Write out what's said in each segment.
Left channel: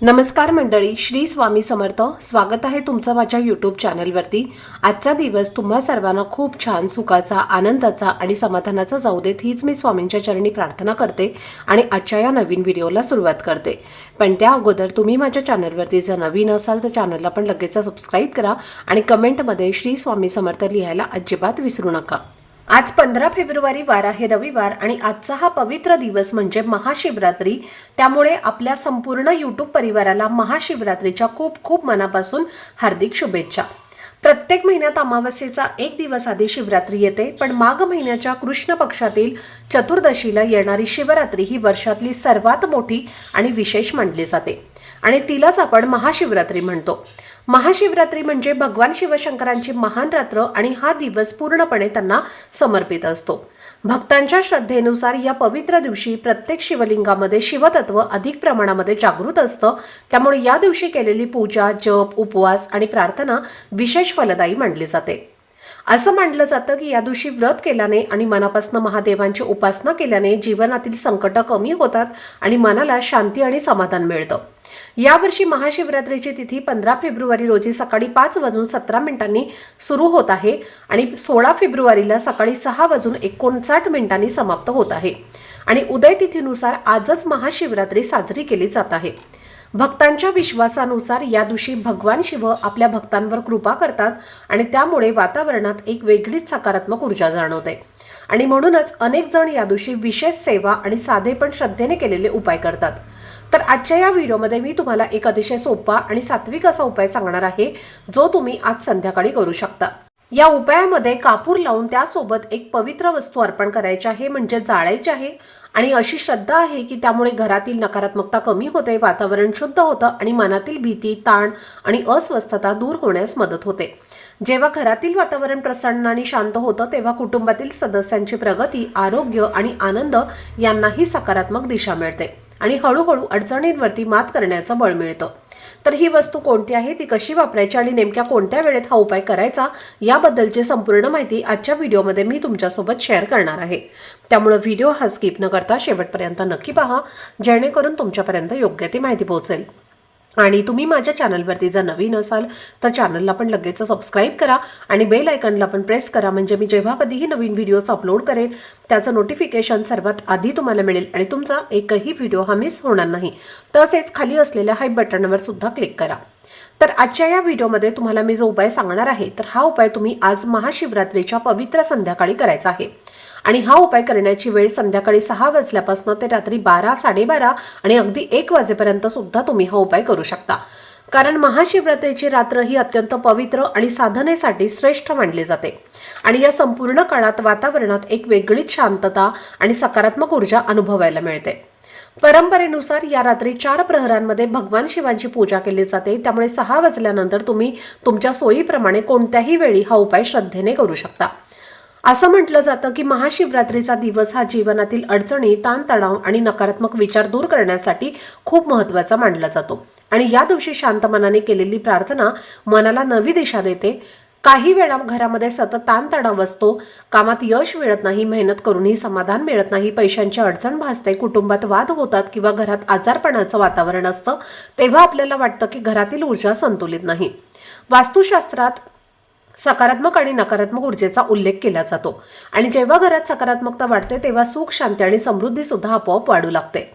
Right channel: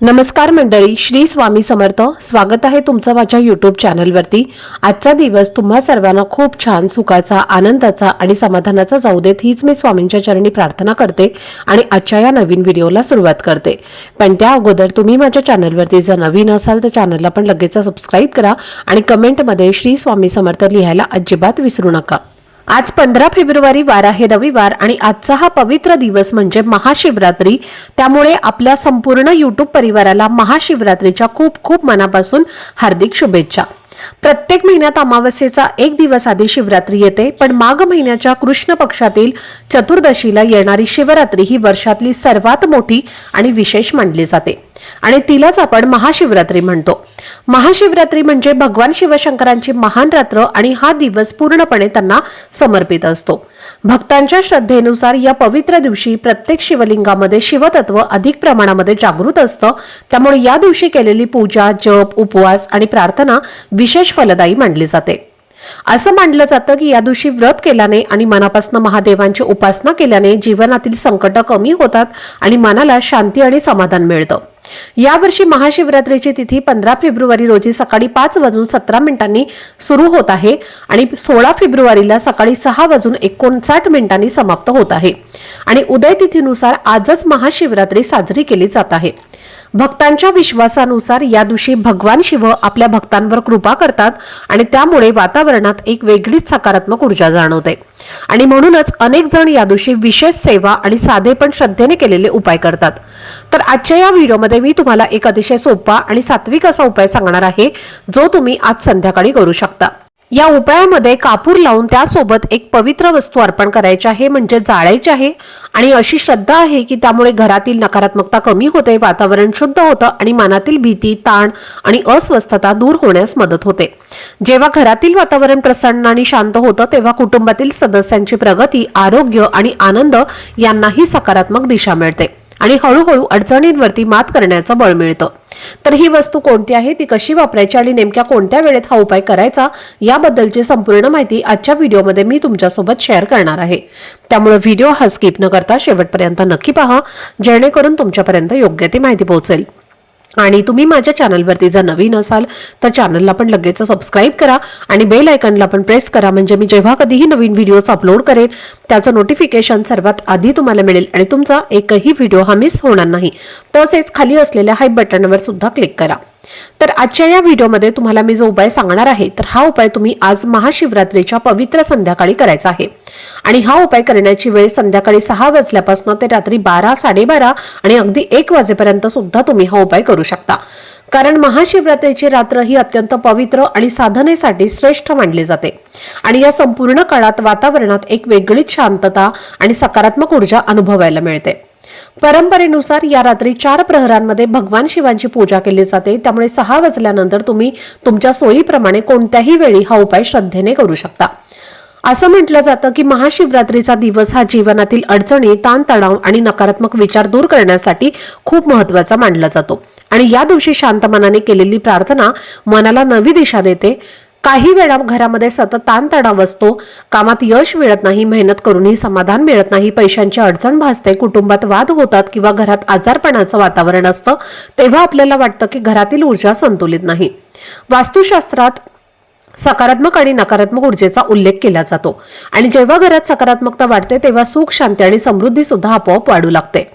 नमस्कार मंडळी, श्री स्वामी समर्थ. स्वागत आहे तुमचं माझ्या यूट्यूब चॅनलवरती. आजचा दिवस तुम्हा सर्वांना खूप छान, सुखाचा, आनंदाचा आणि समाधानाचा जाऊ देत, हीच मी स्वामींच्या चरणी प्रार्थना करते आणि आजच्या या नवीन व्हिडिओला सुरुवात करते. पण त्या अगोदर तुम्ही माझ्या चॅनलवरती जर नवीन असाल तर चॅनलला पण लगेच सबस्क्राईब करा आणि कमेंटमध्ये श्री स्वामी समर्थ लिहायला अजिबात विसरू नका. आज 15 फेब्रुवारी वार आहे रविवार आणि आजचा हा पवित्र दिवस म्हणजे महाशिवरात्री. त्यामुळे आपल्या संपूर्ण यूट्यूब परिवाराला महाशिवरात्रीच्या खूप खूप मनापासून हार्दिक शुभेच्छा. प्रत्येक महिन्यात अमावस्येचा एक दिवस आधी शिवरात्री येते, पण माघ महिन्याच्या कृष्ण पक्षातील चतुर्दशीला येणारी शिवरात्री ही वर्षातली सर्वात मोठी आणि विशेष मानली जाते आणि तिलाच आपण महाशिवरात्री म्हणतो. महाशिवरात्री म्हणजे भगवान शिवशंकरांची महान रात्र आणि हा दिवस पूर्णपणे त्यांना समर्पित असतो. भक्तांच्या श्रद्धेनुसार या पवित्र दिवशी प्रत्येक शिवलिंगामध्ये शिवतत्व अधिक प्रमाणामध्ये जागृत असतं. त्यामुळे या दिवशी केलेली पूजा, जप, उपवास आणि प्रार्थना विशेष फलदायी मानली जाते. असं मानलं जातं की या दिवशी व्रत केल्याने आणि मनापासून महादेवांची उपासना केल्याने जीवनातील संकट कमी होतात आणि मनाला शांती आणि समाधान मिळतं. यावर्षी महाशिवरात्रीची तिथी 15 फेब्रुवारी रोजी सकाळी 5:17 सुरू होत आहे आणि 16 फेब्रुवारीला सकाळी 6:59 समाप्त होत आहे आणि उदय तिथीनुसार आजच महाशिवरात्री साजरी केली जात आहे. भक्तांच्या विश्वासानुसार या दिवशी भगवान शिव आपल्या भक्तांवर कृपा करतात आणि त्यामुळे वातावरणात एक वेगळीच सकारात्मक ऊर्जा जाणवते आणि म्हणूनच अनेक जण या दिवशी विशेष सेवा आणि साधे पण श्रद्धेने केलेले उपाय करतात. तर आजच्या या व्हिडिओमध्ये मी तुम्हाला एक अतिशय सोपा आणि सात्विक असा उपाय सांगणार आहे जो तुम्ही आज संध्याकाळी करू शकता. या उपायामध्ये कापूर लावून त्यासोबत एक पवित्र वस्तू अर्पण करायची आहे, म्हणजे जाळायची आहे आणि अशी श्रद्धा आहे की त्यामुळे घरातील नकारात्मकता कमी होते, वातावरण शुद्ध होतं आणि मनातील भीती, ताण आणि अस्वस्थता दूर होण्यास मदत होते. जेव्हा घरातील वातावरण प्रसन्न आणि शांत होतं तेव्हा कुटुंबातील सदस्यांची प्रगती, आरोग्य आणि आनंद यांनाही सकारात्मक दिशा मिळते आणि हळूहळू अडचणींवरती मात करण्याचं बळ मिळतं. तर ही वस्तू कोणती आहे, ती कशी वापरायची आणि नेमक्या कोणत्या वेळेत हा उपाय करायचा याबद्दलची संपूर्ण माहिती आजच्या व्हिडिओमध्ये मी तुमच्यासोबत शेअर करणार आहे. त्यामुळे व्हिडिओ हा स्किप न करता शेवटपर्यंत नक्की पहा, जेणेकरून तुमच्यापर्यंत योग्य ती माहिती पोहोचेल. आणि तुम्ही माझ्या चॅनलवरती जर नवीन असाल तर चॅनलला पण लगेच सबस्क्राईब करा आणि बेल आयकॉनला पण प्रेस करा, म्हणजे मी जेव्हा कधीही नवीन व्हिडिओज अपलोड करेन त्याचं नोटिफिकेशन सर्वात आधी तुम्हाला मिळेल आणि तुमचा एकही व्हिडिओ हा मिस होणार नाही. तसेच खाली असलेल्या हाय बटनवर सुद्धा क्लिक करा. तर आजच्या या व्हिडिओमध्ये तुम्हाला मी जो उपाय सांगणार आहे तर हा उपाय तुम्ही आज महाशिवरात्रीच्या पवित्र संध्याकाळी करायचा आहे आणि हा उपाय करण्याची वेळ संध्याकाळी 6 वाजल्यापासून ते रात्री 12, 12:30 आणि अगदी 1 वाजेपर्यंत सुद्धा तुम्ही हा उपाय करू शकता. कारण महाशिवरात्रीची रात्र ही अत्यंत पवित्र आणि साधनेसाठी श्रेष्ठ मानली जाते आणि या संपूर्ण काळात वातावरणात एक वेगळीच शांतता आणि सकारात्मक ऊर्जा अनुभवायला मिळते. परंपरेनुसार या रात्री 4 प्रहरांमध्ये भगवान शिवांची पूजा केली जाते. त्यामुळे 6 वाजल्यानंतर तुम्ही तुमच्या सोयीप्रमाणे कोणत्याही वेळी हा उपाय श्रद्धेने करू शकता. असं म्हटलं जातं की महाशिवरात्रीचा दिवस हा जीवनातील अडचणी, ताणतणाव आणि नकारात्मक विचार दूर करण्यासाठी खूप महत्त्वाचा मानला जातो आणि या दिवशी शांत मनाने केलेली प्रार्थना मनाला नवी दिशा देते. काही वेळा घरामध्ये सतत ताणतणाव असतो, कामात यश मिळत नाही, मेहनत करूनही समाधान मिळत नाही, पैशांची अडचण भासते, कुटुंबात वाद होतात किंवा घरात आजारपणाचं वातावरण असतं, तेव्हा आपल्याला वाटतं की घरातील ऊर्जा संतुलित नाही. वास्तुशास्त्रात सकारात्मक आणि नकारात्मक ऊर्जेचा उल्लेख केला जातो आणि जेव्हा घरात सकारात्मकता वाढते तेव्हा सुख, शांती आणि समृद्धी सुद्धा आपोआप वाढू लागते.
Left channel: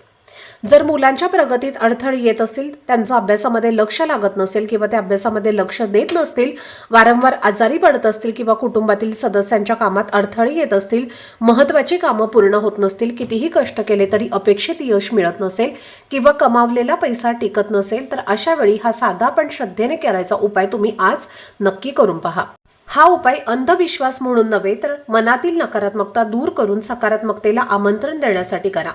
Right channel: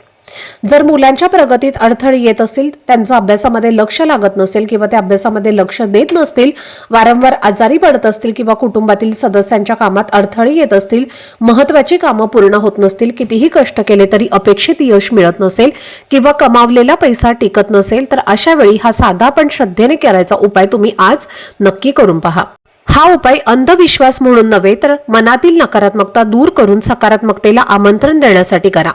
जर मुलांच्या प्रगतीत अडथळे येत असतील, त्यांचं अभ्यासामध्ये लक्ष लागत नसेल किंवा ते अभ्यासामध्ये लक्ष देत नसतील, वारंवार आजारी पडत असतील किंवा कुटुंबातील सदस्यांच्या कामात अडथळे येत असतील, महत्त्वाची कामं पूर्ण होत नसतील, कितीही कष्ट केले तरी अपेक्षित यश मिळत नसेल किंवा कमावलेला पैसा टिकत नसेल, तर अशा वेळी हा साधा पण श्रद्धेने करायचा उपाय तुम्ही आज नक्की करून पहा. हा उपाय अंधविश्वास म्हणून नव्हे तर मनातील नकारात्मकता दूर करून सकारात्मकतेला आमंत्रण देण्यासाठी करा.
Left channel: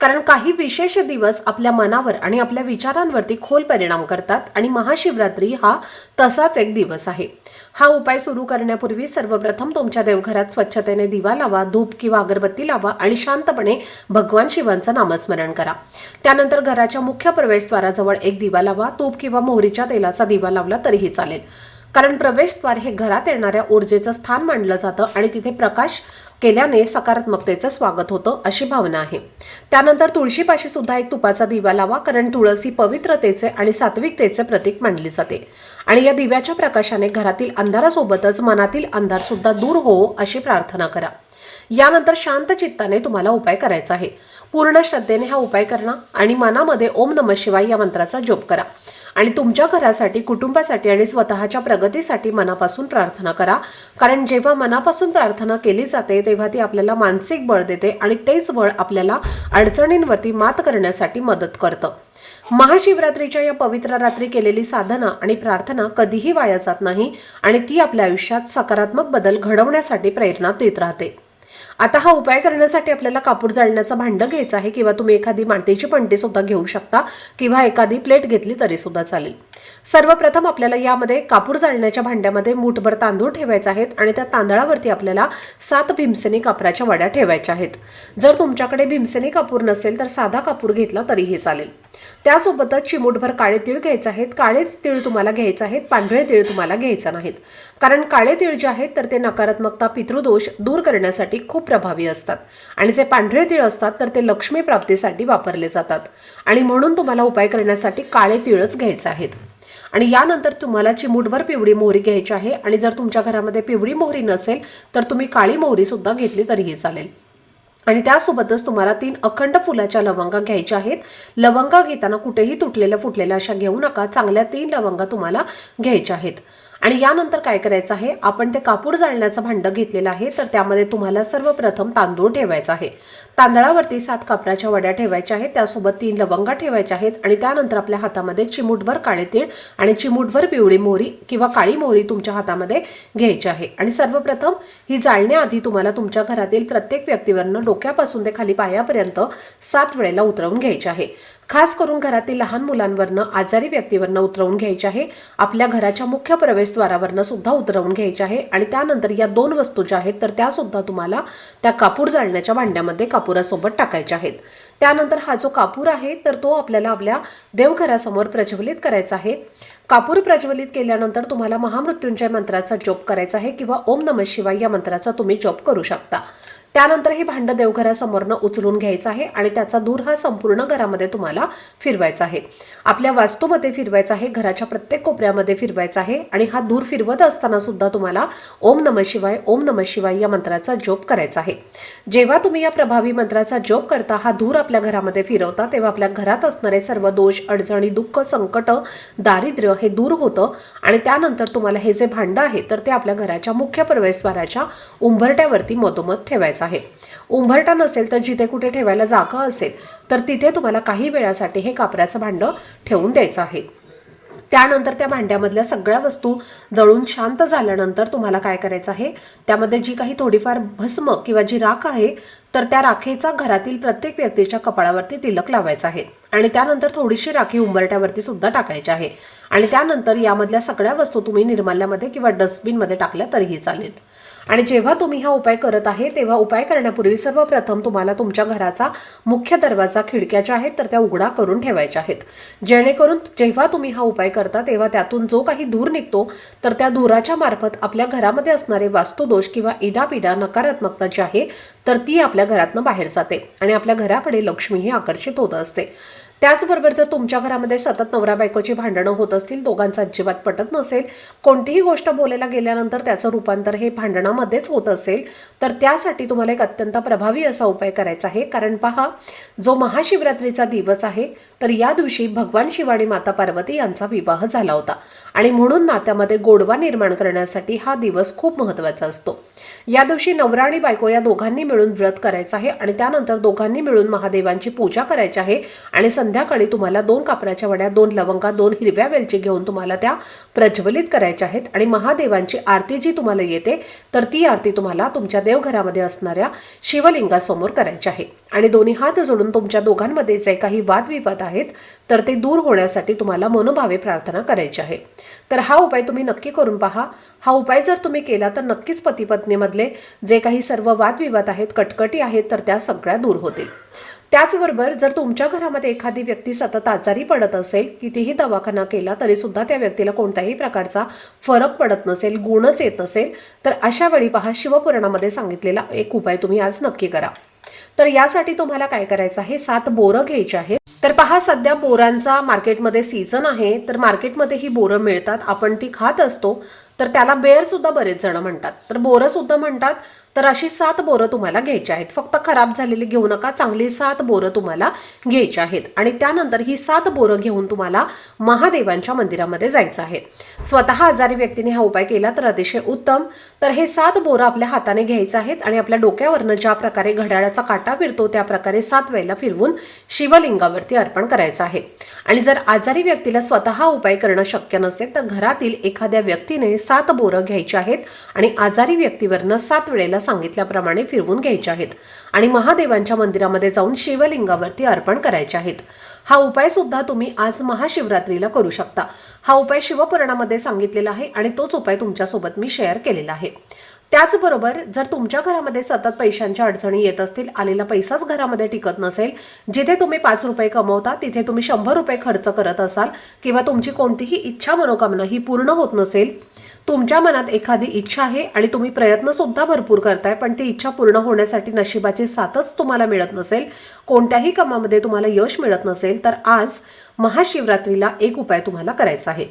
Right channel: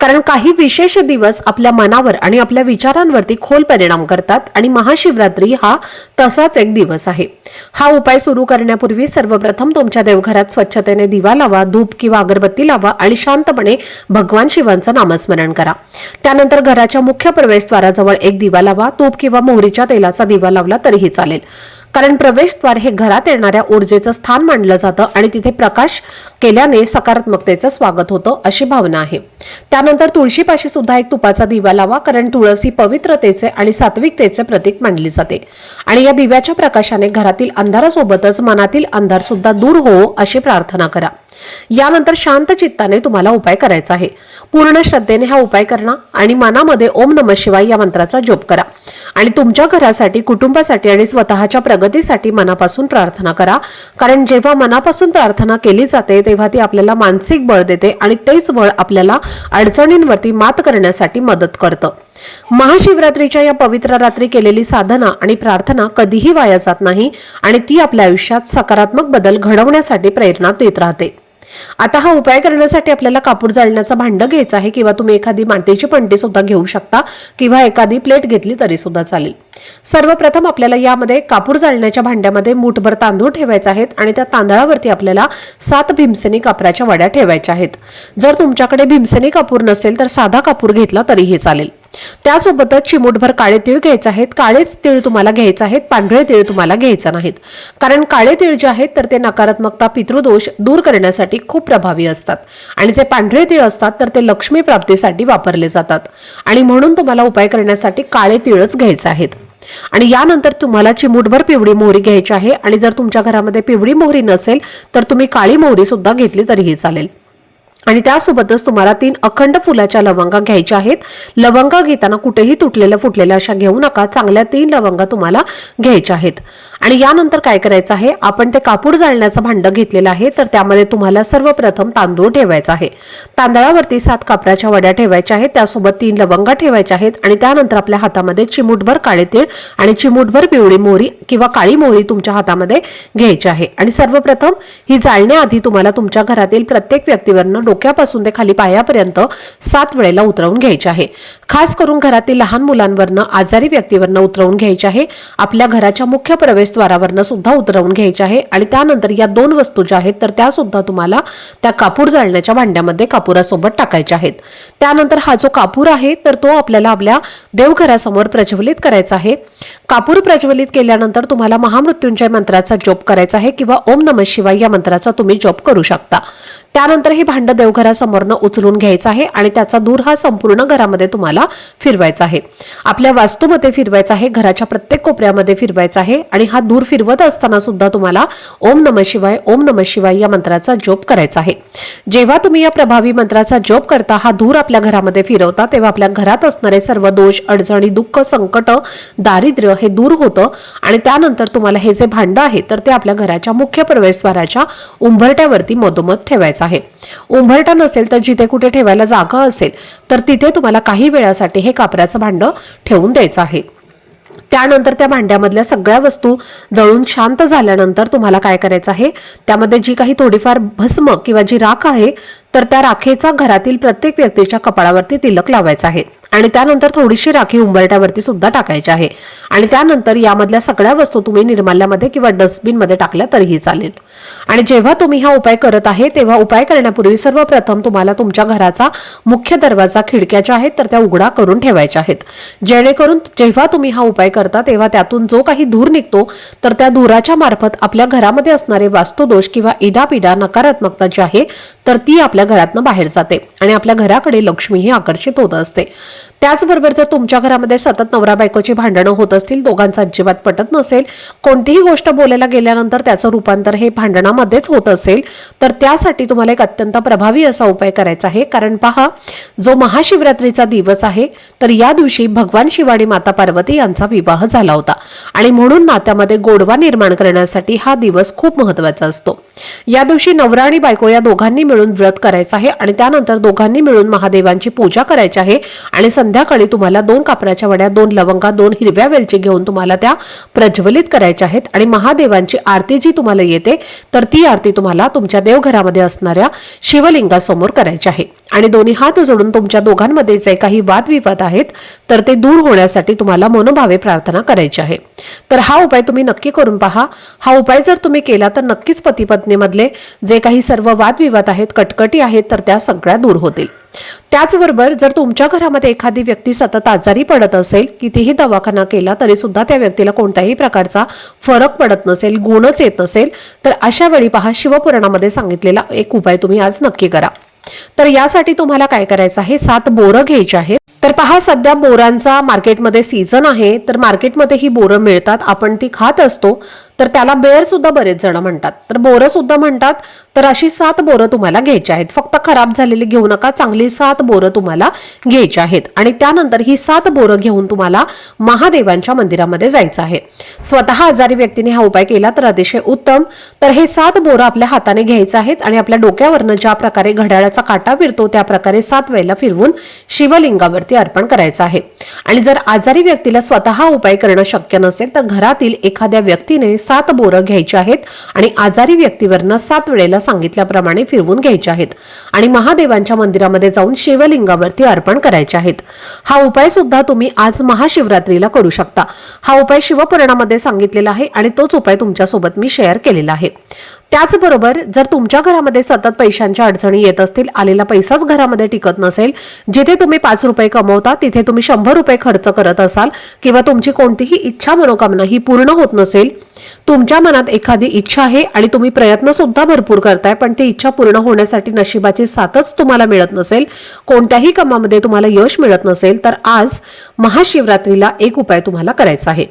कारण काही विशेष दिवस आपल्या मनावर आणि आपल्या विचारांवरती खोल परिणाम करतात आणि महाशिवरात्री हा तसाच एक दिवस आहे. हा उपाय सुरू करण्यापूर्वी सर्वप्रथम तुमच्या देवघरात स्वच्छतेने दिवा लावा, धूप किंवा अगरबत्ती लावा आणि शांतपणे भगवान शिवांचं नामस्मरण करा. त्यानंतर घराच्या मुख्य प्रवेशद्वाराजवळ एक दिवा लावा. तूप किंवा मोहरीच्या तेलाचा दिवा लावला तरीही चालेल. कारण प्रवेशद्वार हे घरात येणाऱ्या ऊर्जेचं स्थान मानलं जातं आणि तिथे प्रकाश केल्याने सकारात्मकतेचं स्वागत होतं अशी भावना आहे। त्यानंतर तुळशीपाशी सुद्धा एक तुपाचा दिवा लावा, कारण तुळस ही पवित्रतेचे आणि सात्विकतेचे प्रतीक मानली जाते आणि या दिव्याच्या प्रकाशाने घरातील अंधारासोबतच मनातील अंधार सुद्धा दूर हो अशी प्रार्थना करा। यानंतर शांत चित्ताने तुम्हाला उपाय करायचा आहे। पूर्ण श्रद्धेने हा उपाय करा आणि मनामध्ये ओम नमः शिवाय या मंत्राचा जप करा आणि तुमच्या घरासाठी, कुटुंबासाठी आणि स्वतःच्या प्रगतीसाठी मनापासून प्रार्थना करा, कारण जेव्हा मनापासून प्रार्थना केली जाते तेव्हा ती आपल्याला मानसिक बळ देते आणि तेच बळ आपल्याला अडचणींवरती मात करण्यासाठी मदत करतं। महाशिवरात्रीच्या या पवित्र रात्री केलेली साधना आणि प्रार्थना कधीही वाया जात नाही आणि ती आपल्या आयुष्यात सकारात्मक बदल घडवण्यासाठी प्रेरणा देत राहते। आता हा उपाय करण्यासाठी आपल्याला कापूर जाळण्याचं भांड घ्यायचं आहे किंवा तुम्ही एखादी मातीची पणती सुद्धा घेऊ शकता किंवा एखादी प्लेट घेतली तरी सुद्धा चालेल। सर्वप्रथम आपल्याला यामध्ये कापूर जाळण्याच्या भांड्यामध्ये मूठभर तांदूळ ठेवायचे आहेत आणि त्या तांदळावरती आपल्याला 7 भीमसेनी कापराच्या वड्या ठेवायच्या आहेत। जर तुमच्याकडे भीमसेनी कापूर नसेल तर साधा कापूर घेतला तरीही चालेल। त्यासोबतच चिमूटभर काळे तीळ घ्यायचे आहेत। काळेच तीळ तुम्हाला घ्यायचे आहेत, पांढरे तीळ तुम्हाला घ्यायचे नाहीत, कारण काळे तीळ जे आहेत तर ते नकारात्मकता, पितृदोष दूर करण्यासाठी खूप प्रभावी असतात आणि जे पांढरे तीळ असतात तर ते लक्ष्मी प्राप्तीसाठी वापरले जातात आणि म्हणून तुम्हाला उपाय करण्यासाठी काळे तीळच घ्यायचे आहेत। आणि यानंतर तुम्हाला चिमूटभर पिवळी मोहरी घ्यायची आहे आणि जर तुमच्या घरामध्ये पिवळी मोहरी नसेल तर तुम्ही काळी मोहरी सुद्धा घेतली तरीही चालेल। आणि त्यासोबतच तुम्हाला 3 अखंड फुलाच्या लवंगा घ्यायच्या आहेत। लवंगा घेताना कुठेही तुटलेल्या फुटलेल्या अशा घेऊ नका, चांगल्या 3 लवंगा तुम्हाला घ्यायच्या आहेत। आणि यानंतर काय करायचं आहे, आपण ते कापूर जाळण्याचं भांड घेतलेलं आहे तर त्यामध्ये तुम्हाला सर्वप्रथम तांदूळ ठेवायचा आहे। तांदळावरती 7 कापराच्या वड्या ठेवायच्या आहेत, त्यासोबत 3 लवंगा ठेवायच्या आहेत आणि त्यानंतर आपल्या हातामध्ये चिमूटभर काळे तीळ आणि चिमूटभर पिवळी मोहरी किंवा काळी मोहरी तुमच्या हातामध्ये घ्यायची आहे। आणि सर्वप्रथम ही जाळण्याआधी तुम्हाला तुमच्या घरातील प्रत्येक व्यक्तीवरनं डोक्यापासून ते खाली पायापर्यंत 7 वेळेला उतरवून घ्यायचे आहे। खास करून घरातील लहान मुलांवरनं, आजारी व्यक्तीवरनं उतरवून घ्यायचे आहे। आपल्या घराच्या मुख्य प्रवेशद्वारावरनं सुद्धा उतरवून घ्यायचे आहे आणि त्यानंतर या 2 वस्तू ज्या आहेत तर त्या सुद्धा तुम्हाला त्या कापूर जाळण्याच्या भांड्यामध्ये कापुरासोबत टाकायच्या आहेत। त्यानंतर हा जो कापूर आहे तर तो आपल्याला आपल्या देवघरासमोर प्रज्वलित करायचा आहे। कापूर प्रज्वलित केल्यानंतर तुम्हाला महामृत्युंजय मंत्राचा जप करायचा आहे किंवा ओम नमः शिवाय या मंत्राचा तुम्ही जप करू शकता। त्यानंतर हे भांड देवघरासमोरनं उचलून घ्यायचं आहे आणि त्याचा धूर हा संपूर्ण घरामध्ये तुम्हाला फिरवायचा आहे। आपल्या वास्तूमध्ये फिरवायचा आहे, घराच्या प्रत्येक कोपऱ्यामध्ये फिरवायचा आहे आणि हा धूर फिरवत असताना सुद्धा तुम्हाला ओम नमः शिवाय, ओम नमः शिवाय या मंत्राचा जप करायचा आहे। जेव्हा तुम्ही या प्रभावी मंत्राचा जप करता, हा धूर आपल्या घरामध्ये फिरवता, तेव्हा आपल्या घरात असणारे सर्व दोष, अडचणी, दुःख, संकट, दारिद्र्य हे दूर होतं आणि त्यानंतर तुम्हाला हे जे भांड आहे तर ते आपल्या घराच्या मुख्य प्रवेशद्वाराच्या उंबरट्यावरती मधोमध ठेवायचं आहे। उंबरठा नसेल तर जिथे कुठे ठेवायला जागा असेल तर तिथे तुम्हाला काही वेळासाठी हे कापराचं भांड ठेवून द्यायचं आहे। त्यानंतर त्या भांड्यामधल्या सगळ्या वस्तू जळून शांत झाल्यानंतर तुम्हाला काय करायचं आहे, त्यामध्ये जी काही थोडीफार भस्म किंवा जी राख आहे तर त्या राखेचा घरातील प्रत्येक व्यक्तीच्या कपाळावरती तिलक लावायचा आहे आणि त्यानंतर थोडीशी राखी उंबरट्यावरती सुद्धा टाकायची आहे आणि त्यानंतर यामधल्या सगळ्या वस्तू तुम्ही निर्माल्यामध्ये किंवा डस्टबिनमध्ये टाकल्या तरीही चालेल। आणि जेव्हा तुम्ही हा उपाय करत आहे तेव्हा उपाय करण्यापूर्वी सर्वप्रथम तुम्हाला तुमच्या घराचा मुख्य दरवाजा, खिडक्या ज्या आहेत तर त्या उघडा करून ठेवायच्या आहेत, जेणेकरून जेव्हा तुम्ही हा उपाय करता तेव्हा त्यातून जो काही धूर निघतो तर त्या धुराच्या मार्फत आपल्या घरामध्ये असणारे वास्तुदोष किंवा इडापिडा, नकारात्मकता जी आहे तर ती आपल्या घरातनं बाहेर जाते आणि आपल्या घराकडे लक्ष्मी ही आकर्षित होत असते। त्याचबरोबर जर तुमच्या घरामध्ये सतत नवरा बायकोची भांडणं होत असतील, दोघांचा अजिबात पटत नसेल, कोणतीही गोष्ट बोलायला गेल्यानंतर त्याचं रूपांतर हे भांडणामध्येच होत असेल तर त्यासाठी तुम्हाला एक अत्यंत प्रभावी असा उपाय करायचा आहे। कारण पहा, जो महाशिवरात्रीचा दिवस आहे तर या दिवशी भगवान शिव आणि माता पार्वती यांचा विवाह झाला होता आणि म्हणून नात्यामध्ये गोडवा निर्माण करण्यासाठी हा दिवस खूप महत्त्वाचा असतो। या दिवशी नवरा आणि बायको या दोघांनी मिळून व्रत करायचं आहे आणि त्यानंतर दोघांनी मिळून महादेवांची पूजा करायची आहे आणि संध्याकाळी तुम्हाला 2 कापराच्या वड्या, 2 लवंगा, 2 हिरव्या वेलची घेऊन तुम्हाला त्या प्रज्वलित करायच्या आहेत आणि महादेवांची आरती जी तुम्हाला येते तर ती आरती तुम्हाला तुमच्या देवघरामध्ये असणाऱ्या शिवलिंगासमोर करायची आहे आणि दोन्ही हात जोडून तुमच्या दोघांमध्ये जे काही वादविवाद आहेत तर ते दूर होण्यासाठी तुम्हाला मनोभावे प्रार्थना करायची आहे। तर हा उपाय तुम्ही नक्की करून पहा। हा उपाय जर तुम्ही केला तर नक्कीच पती पत्नीमधले जे काही सर्व वादविवाद आहेत, कटकटी आहेत तर त्या सगळ्या दूर होतील। त्याचबरोबर जर तुमच्या घरामध्ये एखादी व्यक्ती सतत आजारी पडत असेल, कितीही दवाखाना केला तरी सुद्धा त्या व्यक्तीला कोणत्याही प्रकारचा फरक पडत नसेल, गुणच येत नसेल, तर अशा वेळी पहा, शिवपुराणामध्ये सांगितलेला एक उपाय तुम्ही आज नक्की करा. तर यासाठी तुम्हाला काय करायचं आहे, 7 बोरं घ्यायची आहेत. तर पहा, सध्या बोरांचा मार्केटमध्ये सीझन आहे, तर मार्केटमध्ये ही बोरं मिळतात, आपण ती खात असतो. तर त्याला बेर सुद्धा बरेच जण म्हणतात, तर बोरं सुद्धा म्हणतात. तर अशी 7 बोरं तुम्हाला घ्यायची आहेत. फक्त खराब झालेली घेऊ नका, चांगली 7 बोरं तुम्हाला घ्यायची आहेत. आणि त्यानंतर ही 7 बोरं घेऊन तुम्हाला महादेवांच्या मंदिरामध्ये जायचं आहे. स्वतः आजारी व्यक्तीने हा उपाय केला तर अतिशय उत्तम. तर हे 7 बोरं आपल्या हाताने घ्यायचं आहेत आणि आपल्या डोक्यावरनं ज्या प्रकारे घड्याळाचा काटा फिरतो त्या प्रकारे 7 वेळेला फिरवून शिवलिंगावरती अर्पण करायचं आहे. आणि जर आजारी व्यक्तीला स्वतः उपाय करणं शक्य नसेल तर घरातील एखाद्या व्यक्तीने 7 बोरं घ्यायची आहेत आणि आजारी व्यक्तीवरनं 7 वेळेला सांगितल्याप्रमाणे फिरवून घ्यायचे आहेत आणि महादेवांच्या मंदिरामध्ये जाऊन शिवलिंगावरती अर्पण करायचे आहेत. हा उपाय सुद्धा तुम्ही आज महाशिवरात्रीला करू शकता. हा उपाय शिवपुराणामध्ये सांगितलेला आहे आणि तोच उपाय तुमच्यासोबत मी शेअर केलेला आहे. त्याचबरोबर जर तुमच्या घरामध्ये सतत पैशांच्या अडचणी येत असतील, आलेला पैसाच घरामध्ये टिकत नसेल, जिथे तुम्ही 5 रुपये कमवता तिथे तुम्ही 100 रुपये खर्च करत असाल किंवा तुमची कोणतीही इच्छा मनोकामना ही पूर्ण होत नसेल, तुमच्या मनात एखादी इच्छा आहे आणि तुम्ही प्रयत्न सुद्धा भरपूर करताय पण ती इच्छा पूर्ण होण्यासाठी नशिबाची साथच तुम्हाला मिळत नसेल, कोणत्याही कामामध्ये तुम्हाला यश मिळत नसेल, तर आज महाशिवरात्रीला एक उपाय तुम्हाला करायचा आहे.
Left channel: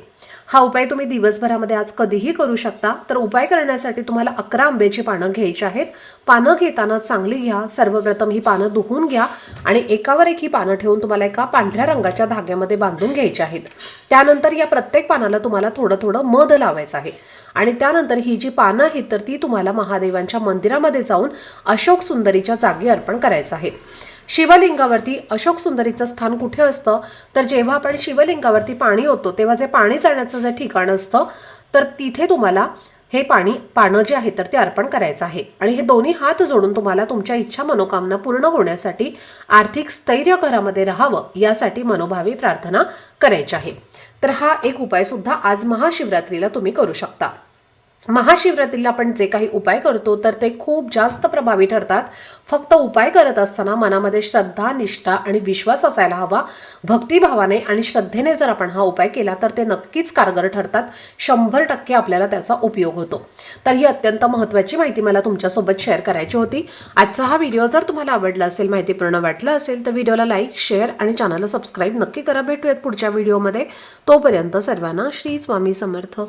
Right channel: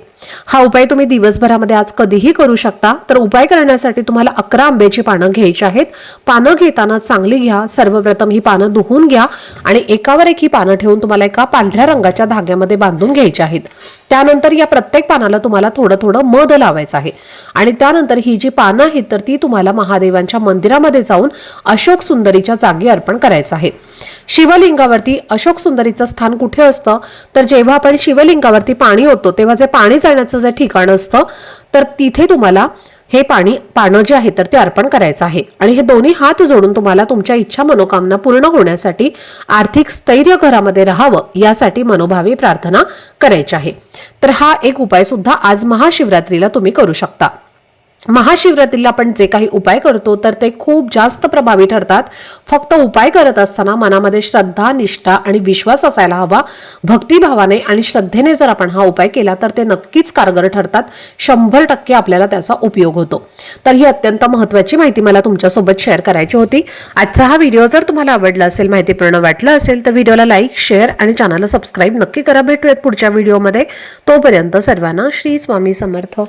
हा उपाय तुम्ही दिवसभरामध्ये आज कधीही करू शकता. तर उपाय करण्यासाठी तुम्हाला 11 आंब्याची पानं घ्यायची आहेत. पानं घेताना चांगली घ्या. सर्वप्रथम ही पानं धुवून घ्या आणि एकावर एक ही पानं ठेवून तुम्हाला एका पांढऱ्या रंगाच्या धाग्यामध्ये बांधून घ्यायची आहेत. त्यानंतर या प्रत्येक पानाला तुम्हाला थोडं थोडं मध लावायचं आहे आणि त्यानंतर ही जी पानं आहेत तर ती तुम्हाला महादेवांच्या मंदिरामध्ये जाऊन अशोक सुंदरीच्या जागी अर्पण करायचं आहे. शिवलिंगावरती अशोक सुंदरीचं स्थान कुठे असतं, तर जेव्हा आपण शिवलिंगावरती पाणी ओततो तेव्हा जे पाणी जाण्याचं जे ठिकाण असतं तर तिथे तुम्हाला हे पानं जे आहे तर ते अर्पण करायचं आहे. आणि हे दोन्ही हात जोडून तुम्हाला तुमच्या इच्छा मनोकामना पूर्ण होण्यासाठी, आर्थिक स्थैर्य घरामध्ये राहावं यासाठी मनोभावे प्रार्थना करायची आहे. तर हा एक उपाय सुद्धा आज महाशिवरात्रीला तुम्ही करू शकता. महाशिवरात्रीला आपण जे काही उपाय करतो तर ते खूप जास्त प्रभावी ठरतात. फक्त उपाय करत असताना मनामध्ये श्रद्धा, निष्ठा आणि विश्वास असायला हवा. भक्तिभावाने आणि श्रद्धेने जर आपण हा उपाय केला तर ते नक्कीच कारगर ठरतात. 100% आपल्याला त्याचा उपयोग होतो. तर ही अत्यंत महत्त्वाची माहिती मला तुमच्यासोबत शेअर करायची होती. आजचा हा व्हिडिओ जर तुम्हाला आवडला असेल, माहितीपूर्ण वाटला असेल तर व्हिडिओला लाईक, शेअर आणि चॅनलला सबस्क्राईब नक्की करा. भेटूयात पुढच्या व्हिडिओमध्ये. तोपर्यंत सर्वांना श्री स्वामी समर्थ.